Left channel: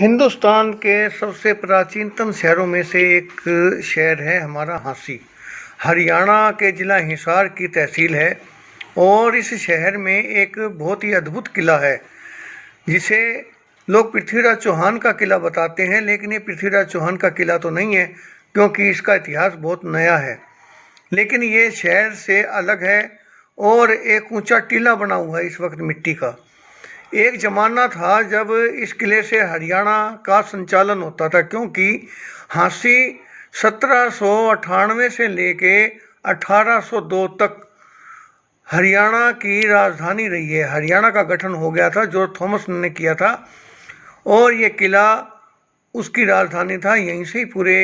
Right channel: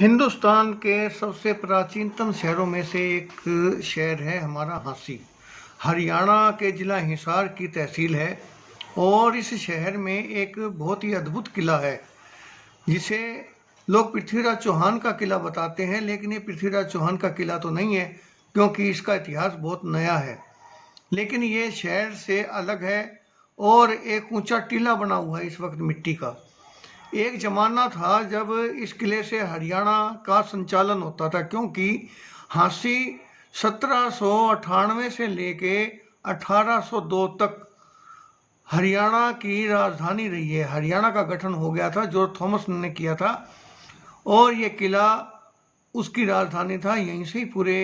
हिंदुस्तान के सबसे प्राचीनतम शहरों में से एक शहर है हमारा झांसी। हरियाणा के ज़िला हिसार की तहसील है और इस शहर में एक बहुत ही अद्भुत किला है जिसे लोग पृथ्वीराज चौहान का किला बताते हैं, लेकिन ये पृथ्वीराज चौहान का किला तो नहीं है क्योंकि इसका इतिहास बहुत नया है। लेकिन ये शहर से अलग है और एक ऊंचा टीला बना हुआ है इस वक्त मिट्टी का। एक ज़माना था जब इस किले से हरियाणा का संचालन होता था, क्योंकि झांसी 1798 से लेके 1802 तक हरियाणा की राजधानी रही है। हरियाणा का गठन हो गया था, जॉर्ज थॉमस ने किया था और ये किला उसकी राजधानी था। यहीं से ही पूरे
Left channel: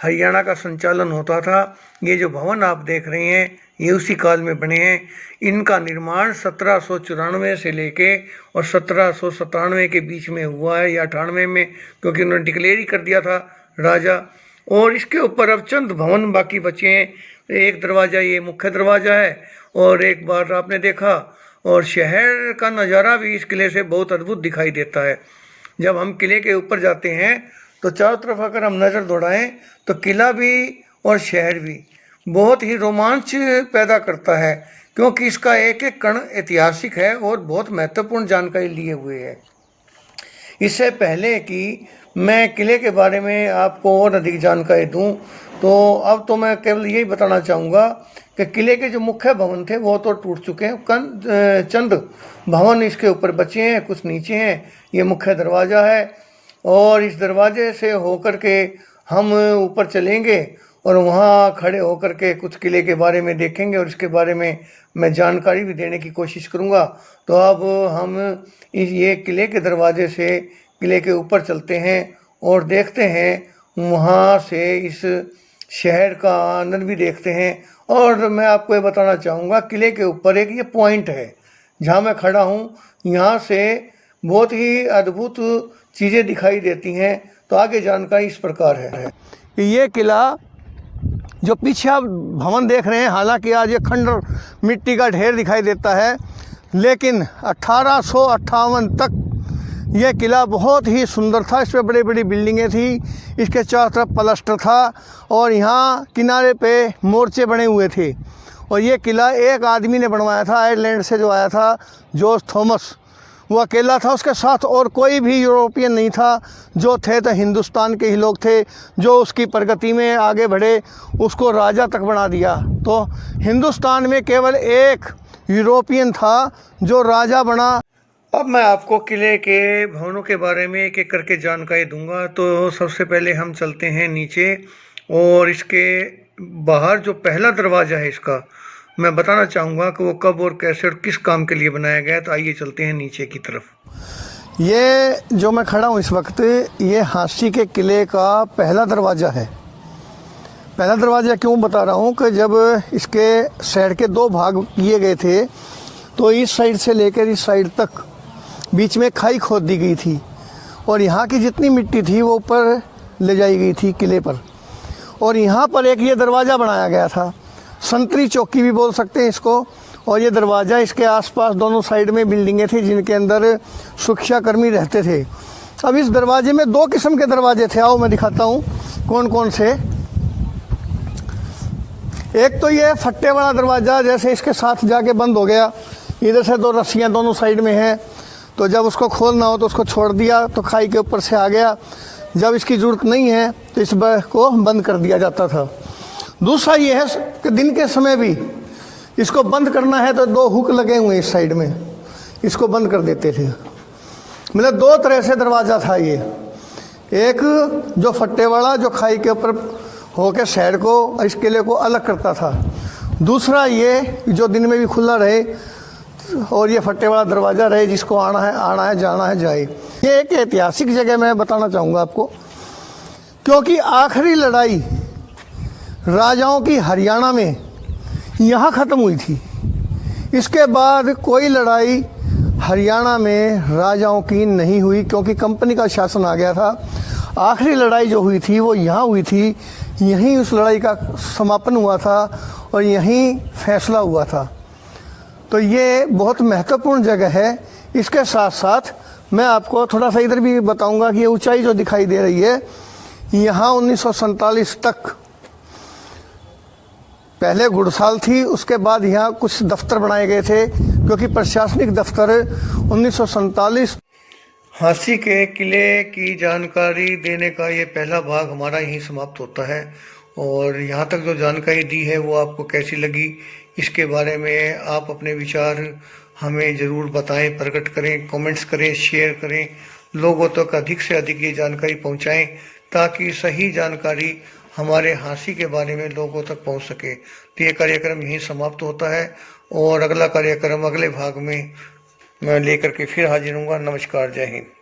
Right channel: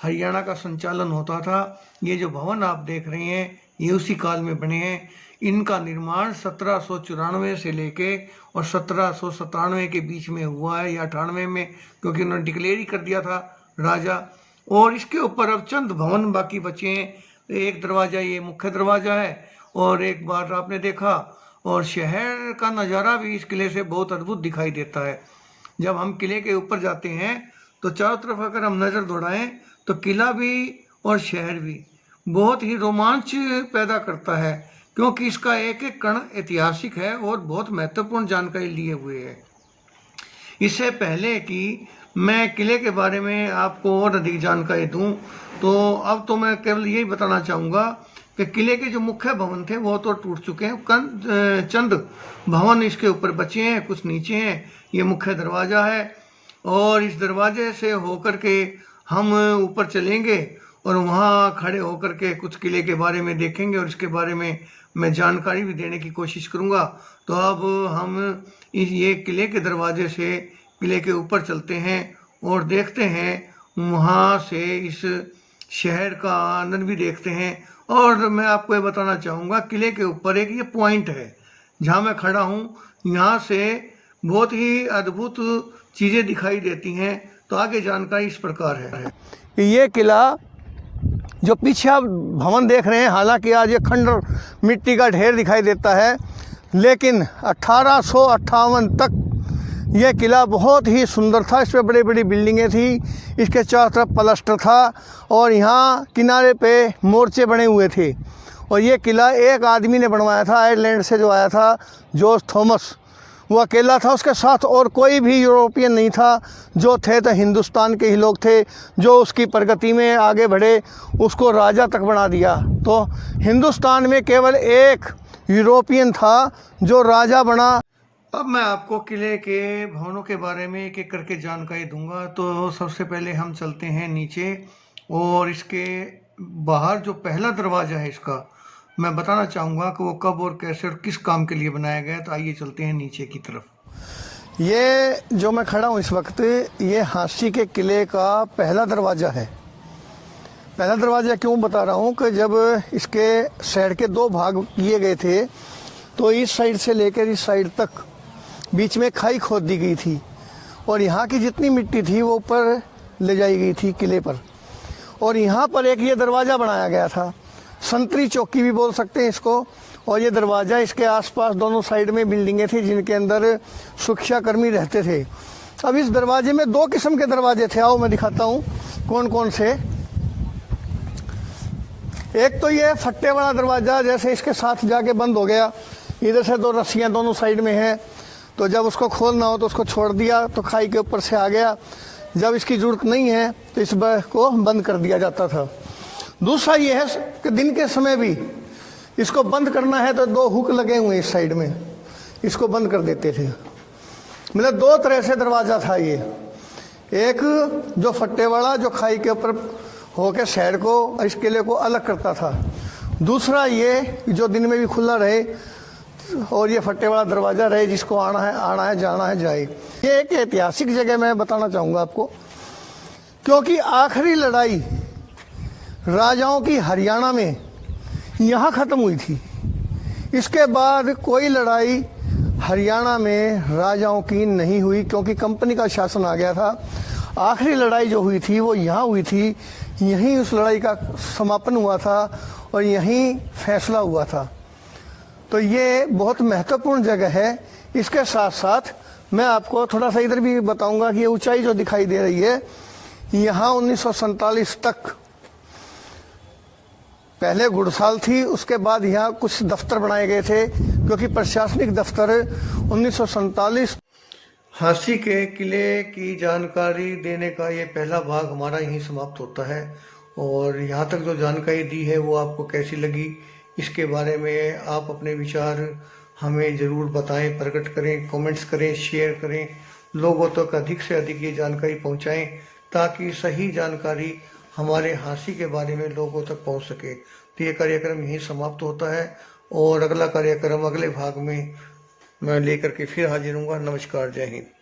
हरियाणा का संचालन होता था। ये जो भवन आप देख रहे हैं ये उसी काल में बने हैं। इनका निर्माण 1794 से लेके और 1797 के बीच में हुआ है या 98 में, क्योंकि उन्होंने डिक्लेयर ही कर दिया था राजा। और इसके ऊपर अब चंद भवन बाकी बचे हैं। एक दरवाज़ा ये मुख्य दरवाज़ा है और एक बार आपने देखा, और शहर का नज़ारा भी इस किले से बहुत अद्भुत दिखाई देता है। जब हम किले के ऊपर जाते हैं तो चारों तरफ अगर हम नज़र दौड़ाएं तो किला भी और शहर भी बहुत ही रोमांच पैदा करता है, क्योंकि इसका एक एक कण ऐतिहासिक है और बहुत महत्वपूर्ण जानकारी लिए हुए है। इससे पहले कि मैं किले के बारे में आपको और अधिक जानकारी दूं, तो अब तो मैं केवल यही बताना चाहूँगा कि किले के जो मुख्य भवन थे वो तो टूट चुके हैं। चंद भवन इसके ऊपर बचे हैं, कुछ नीचे हैं। ये मुख्य दरवाज़ा है और इस दरवाजे से होकर के हम ऊपर चलेंगे और वहाँ खड़े होकर के कुछ किले के बारे में देखेंगे और इसके बारे में मैं जानकारी भी देने की कोशिश करूँगा। तो अब हम ये किले के दरवाजे से किले के ऊपर चलते हैं और देखते हैं, वहाँ से इस शहर का आनंद भी देखते हैं। और मैं आपको ये बताना चाहूँगा, किले के ऊपर एक ये पॉइंट है जहाँ मैं खड़ा हूँ, यहाँ से बहुत ही अद्भुत चीज़ें दिखाई देती हैं। तो आगे जानकारी इस प्रकार है कि ये किला जो पीछे आप भवन देख रहे हैं, हालांकि आज ये खंडर मिट्टी का ढेर दिखाई देता है, लेकिन 1858 तक यह किला बहुत ही सुंदर था। इस पर बड़ी बड़ी बिल्डिंगें थी, इसके चारों तरफ प्लास्टर था और यहाँ किनारे पे मोर्चे बने हुए थे। और ये किला एक आदमी ने बनवाया था, आयरलैंड से जो आया था जॉर्ज थॉमस, वो अकेला था। उसके साथ और कोई भी यूरोपियन नहीं था। जो थे तो हिंदुस्तान के ही लोग थे। जो उसकी प्रगति में आगे बढ़े, उसको राजा तक बना दिया। तो हिंदुस्तान में केवल एक यूरोपियन था जो राजा बना। अब मैं आपको किले के भवनों के बारे में एक एक करके जानकारी दूंगा। तो सबसे पहले हम चलते हैं नीचे और इसके बाहर जो पहला दरवाज़ा है इसका मैं बताना चाहूँगा कि वो कब और कैसे और किस काम के लिए बनाया गया है। तो आइए चलते हैं नीचे की तरफ। ये जो मैं खड़ा हूँ इस वक्त, ये झांसी के किले का पहला दरवाज़ा है। पहला दरवाज़ा क्यों बता रहा हूँ कि जब इसके शहर के दो भाग किए गए थे तो इस साइड से लेकर इस साइड तक बीच में खाई खोद दी गई थी और यहाँ की जितनी मिट्टी थी वो ऊपर ले जाई गई थी किले पर। और यहाँ पर एक ये दरवाज़ा बनाया गया था, संतरी चौकी भी बोल सकते हैं इसको। और ये दरवाज़ा, इसके आसपास दोनों साइड में बिल्डिंगें थी जिनके अंदर सुरक्षाकर्मी रहते थे। अब इस दरवाजे में दो किस्म के दरवाजे थे, आओ मैं दिखाता हूँ कौन कौन से। एक तो ये फट्टे वाला दरवाज़ा, जैसे इसके साथ जाके बंद हो गया, इधर से दो रस्सियाँ दोनों साइड में हैं, तो जब उसको खोलना हो तो उसको छोड़ दिया तो खाई के ऊपर से आ गया। जब इसकी ज़रूरत नहीं है तो इस को बंद कर दिया जाता था। दूसरा ये है कि दिन के समय भी इसको बंद करना है तो दो हुक लगे हुए इस साइड में, इसको बंद कर देते थे। मतलब दो तरह से दरवाज़ा था ये। एक जो फट्टे वाला जो खाई के ऊपर होकर शहर को, इस किले को अलग करता था। दूसरा ये जो दिन में भी खुला रहे और ये फट्टे वाला दरवाज़ा रहे, जिसको आना है जाना है जाए। ये एक ऐतिहासिक जगह मैं बताना चाहूँगा आपको, क्योंकि आखिरी लड़ाई राजाओं की हरियाणा में यहाँ ख़त्म हुई थी। इसके बाद कोई लड़ाई हरियाणा में राजाओं की नहीं हुई, क्योंकि कंपनी का शासन आ गया था। आखिरी लड़ाई जो हुई थी वो यहाँ हुई थी, यहीं उस लड़ाई का समापन हुआ था और यहीं फैसला हुआ था। तो ये बहुत महत्वपूर्ण जगह है। इसके साथ साथ मैं आपको थोड़ा सा इधर भी बताऊंगा कि ये ऊंचाई जो दिखाई दे रही है, यहाँ 1947 तक पहले गुड़साल थी, उसके बाद यहाँ कुछ दफ्तर बनाए गए थे, क्योंकि प्रशासनिक दफ्तर 1947। हांसी के किले की जानकारी देने का ये पहला भाग हमारा यहीं समाप्त होता है। और यहाँ तक जो जानकारी दी है वो आपको कैसी लगी, इसके बारे में आप अपने विचार हमें ज़रूर बताएं, प्रकट करें, कमेंट्स करें, शेयर करें, लोगों तक अधिक से अधिक ये जानकारी पहुँचाएं, ताकि सही जानकारी हमारे हांसी के बारे में लोगों तक पहुँच सके। तो ये कार्यक्रम यहीं समाप्त होता है और अगला कार्यक्रम अगले भाग में मैं लेकर के फिर हाजिर हूँगा। नमस्कार, जय हिंद।